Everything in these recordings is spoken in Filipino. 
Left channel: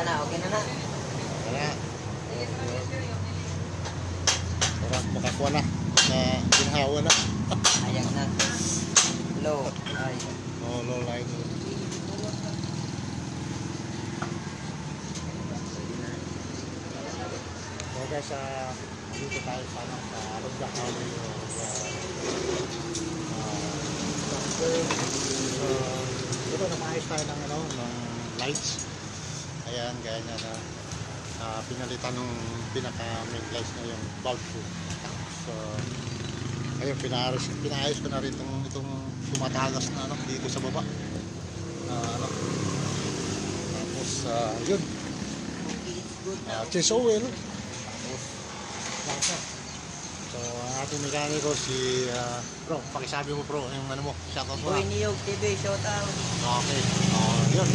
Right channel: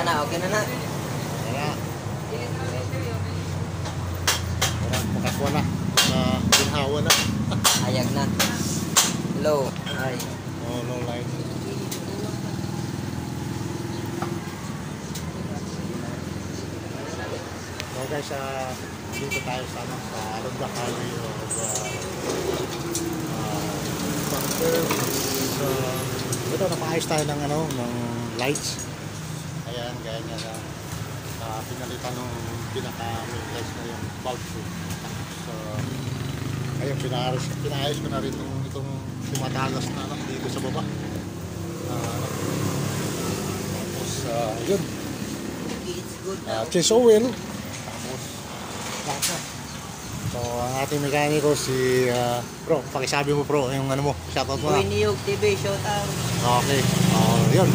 Ito na, okay na na. Tara. Parang makakwa na. Ihawa na. Ayag na. Low. Ay. No line. So guys, dito tayo sa Ronda Valley. Ito, napaayos tayo ng lights. Ayan, gaya na pinalitan ng pinaka-main lights na yung bulb. So, ayun, pinaayos ko na rin itong tumatagas na dito sa baba. Tapos, yun. It's good now. Change oil. So, ang ating mekaniko si Bro, pakisabi mo Bro, yung ano mo, shoutout mo na. Niyog TV, shout out. Okay, yun.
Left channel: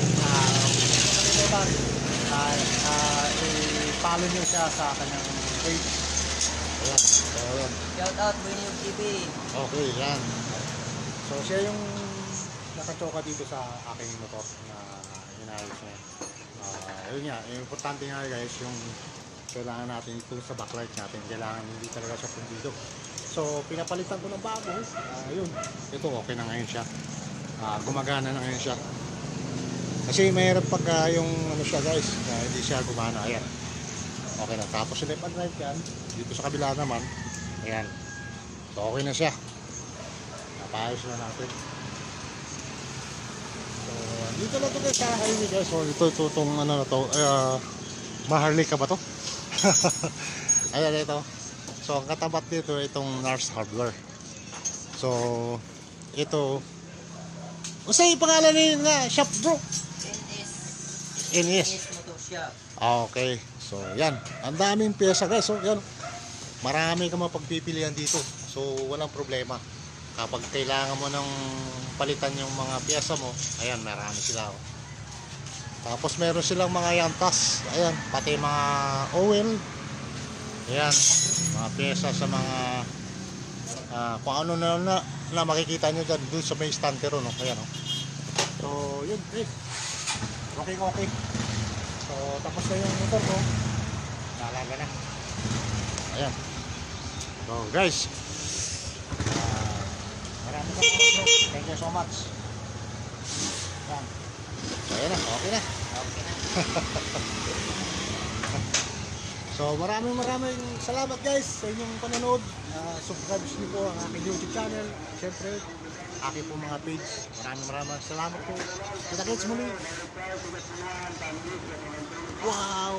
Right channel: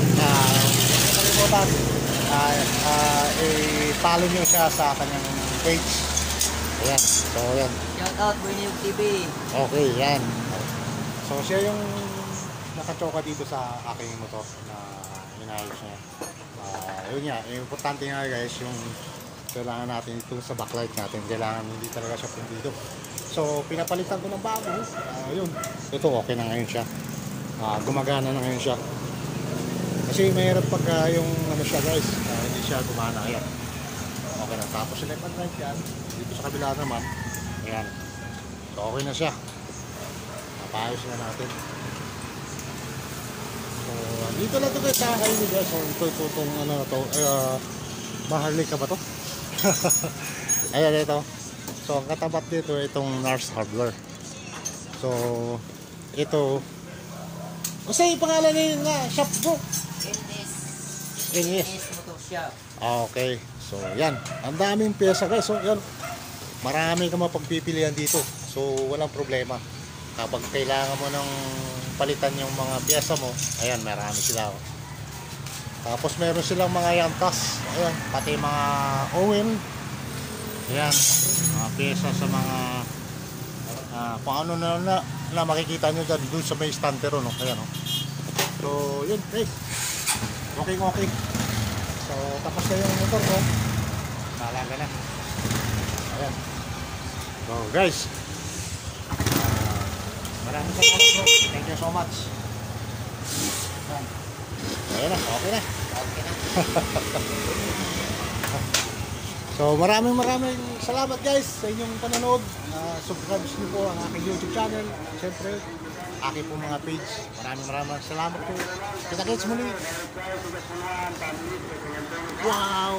Kalimutan, i-follow nyo siya sa kanyang page. Ayan, so yun. Shout out Niyog TV. Okay, yan. So, siya yung nakachoka dito sa aking motor na inayos niya. Yun nga, yung importante nga guys, yung kailangan natin ito sa backlight natin, kailangan hindi talaga siya pundido. So pinapalitan ko ng bago. Yun, ito okay na ngayon siya, gumagana na ngayon siya. Kasi mahirap pagka yung ano siya guys, hindi siya gumana. Ayan, okay na. Tapos yung left and right yan, dito sa kabila naman, ayan, so okay na siya, napayos na natin. So, dito na ito guys sa akin guys. So ito itong ano na to, Maharlika ka ba to? Ayan ito. So ang katapat dito itong Nars Hardware. So ito, basta yung pangalan na shop bro? NS. Okay. So yan, ang daming pyesa guys. So yan, marami ka mapagpipilian dito. So walang problema. Kapag kailangan mo ng palitan yung mga pyesa mo, ayan, marami sila. Tapos meron silang mga yantas. Ayan, pati mga oil. Ayan, mga pyesa sa mga kung ano na makikita nyo dyan doon sa may stand pero no. Ayan, no? So yun guys, okay. So tapos na yung motor ko, nalaga na. Ayan. So guys, maraming salamat bro. Thank you so much. Ayan. Ayan na, okay na. So maraming salamat guys sa inyong panonood. Subscribe niyo po ang aking YouTube channel. Siyempre, aking po mga page. Maraming salamat po. Kita-kits muli. Wow!